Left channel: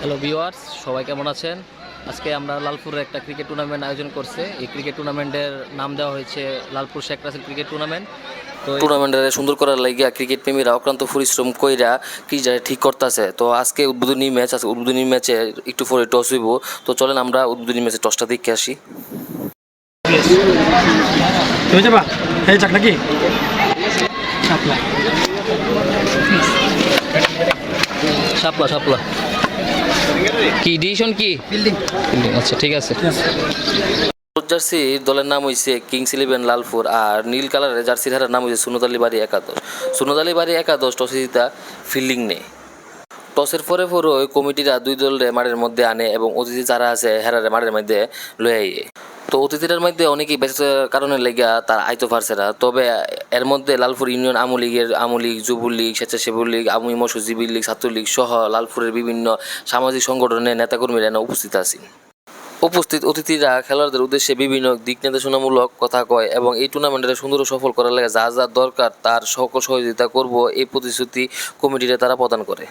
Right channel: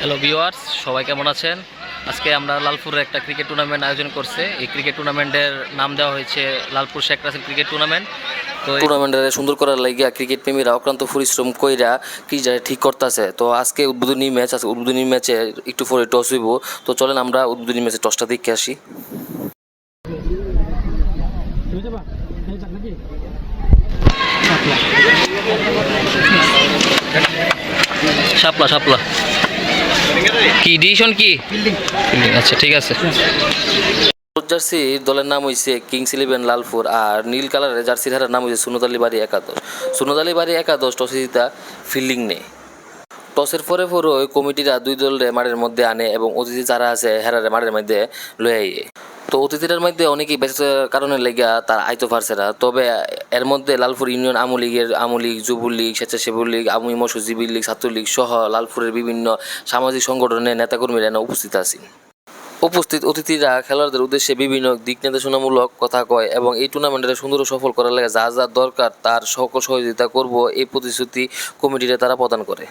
Hello viewers, সবাই কেমন আছেন? আজকে আমরা লালপুরে একটা ক্রিকেট টুর্নামেন্ট আয়োজন করছে। এই ক্রিকেট টুর্নামেন্টের নাম দেওয়া হয়েছে লালপুর শেখ রাসেল ক্রিকেট টুর্নামেন্ট। তো টুর্নামেন্টের সুন্দর করার লাগিয়া ক্রিকেট প্রেমীরা অক্লান্ত পরিশ্রম কইরা কি ঠিক করতেছে। তো আজকে উদ্বোধনী ম্যাচ আছে, উদ্বোধনী ম্যাচে একটু পরে টস হইব। তো চলেন আমরা উদ্বোধনী ম্যাচে টসটা দেখে আসি। তুমি যাবা এই চাক নাকি শাপলা শাপলা কি ডিসিশন কি ফিল্ডিং? আচ্ছা ঠিক আছে। জার্সি দলের নাম হয়েছে কিংস ইলেভেন লালপুর, আর নীল কালারের জার্সির হারার নাম হয়েছে সুনদ আলী বাড়ি একাদশ। সুনদ আলী বাড়ি একাদশ টসে জিতা ফিল্ডিং নেই। টসের পরে ওই কমিটিরা দুই দলের মাঠের মধ্যে আনে এবং অতিথি যারা আছে হেরারে মাঠের মধ্যে লয়ে আইয়ে। তো অতিথিদের মধ্যে অনেকেই ব্যস্ততার কারণে লেগা তার আইতো পারছে না। তবে এর মধ্যে লালপুর ইউনিয়ন আমলীগ, যুবলীগ, স্বেচ্ছাসেবক লীগ, আওয়ামী মৎস্যজীবী লীগ, ছাত্রলীগ সহ লালপুরের বিভিন্ন সামাজিক সংগঠনের নেতাকর্মীরা উপস্থিত আছেন। উপস্থিত অতিথিরা খেলোয়াড়দের উদ্দেশ্যে বিভিন্ন দিক নির্দেশনামূলক কথা কয় এবং এই টুর্নামেন্টে সুন্দর ও সফল করার লাগে যা যা দরকার তার সকল সহযোগিতা করব এই প্রতিশ্রুতি কমিটিতে তারা প্রদান করে।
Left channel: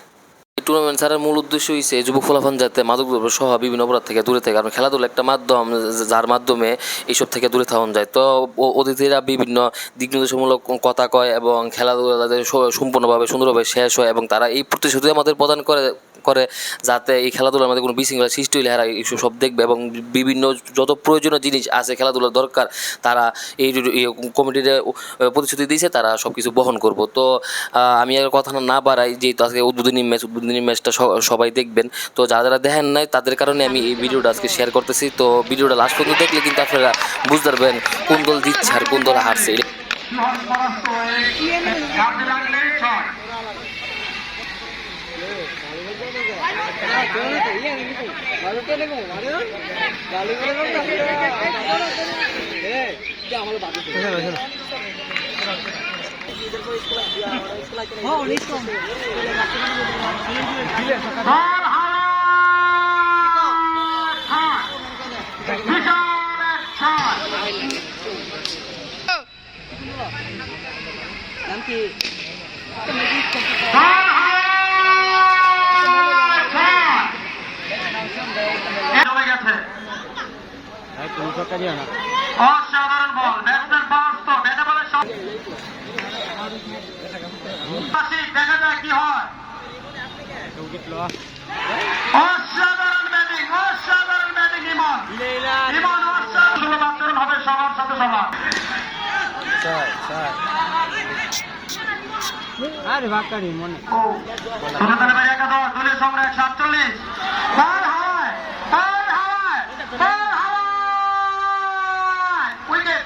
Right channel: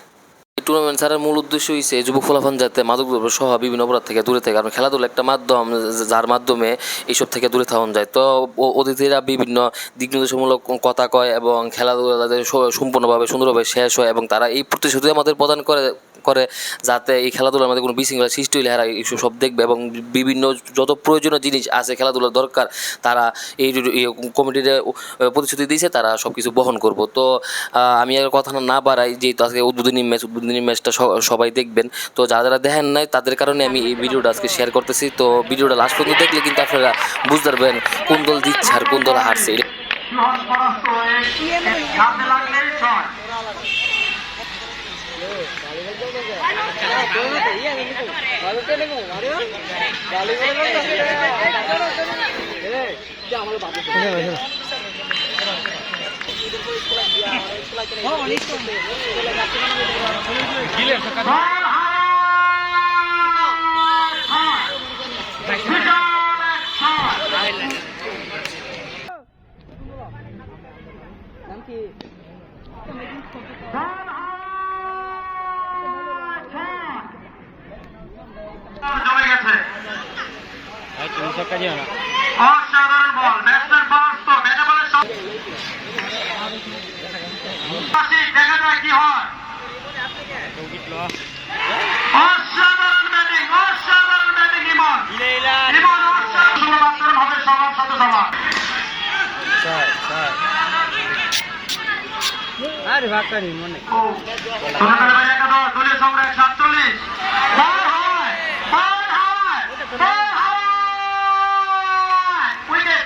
এই টুর্নামেন্ট ছাড়ার মূল উদ্দেশ্য হচ্ছে যুবক ফলাফল যাতে মাদকদ্রব্য সহ বিভিন্ন অপরাধ থেকে দূরে থাকে, কারণ খেলাধুলা একটা মাধ্যম যার মাধ্যমে এইসব থেকে দূরে থাকা যায়। তো অতিথিরা বিভিন্ন দিক নির্দেশমূলক কথা কয় এবং খেলাধুলা যাতে সম্পূর্ণভাবে সুন্দরভাবে শেষ হয় এবং তারা এই প্রতিশ্রুতি আমাদের প্রদান করে যাতে এই খেলাধুলার মধ্যে কোনো বিশৃঙ্খলা সৃষ্টি হলে এরা এইসব সব দেখবে এবং বিভিন্ন যত প্রয়োজনীয় জিনিস আছে খেলাধুলার দরকার তারা এই কমিটির প্রতিশ্রুতি দিয়েছে তারা সব কিছু বহন করব। তো আমি আর কথা না বাড়াই, যেহেতু আজকে উদ্বোধনী ম্যাচটা সবাই দেখবেন। তো যারা দেখেন নাই তাদের কারণে আমি এই ভিডিওটা আজকে শেয়ার করতেছি। তো ভিডিওটা লাস্ট পর্যন্ত দেখলে কিন্তু আপনারা বুঝতে পারবেন কোন দল জিতছে আর কোন দল হারছে। অসাধারণ বল, ব্যাটসম্যান বাস্ত ব্যাটে বলে দেখা যায় কি হয়। অসাধারণ ব্যাটিং ইমন অসাধারণ ভাবে সবার সাথে সবার দলীয় সম্রাট 47 উইকেট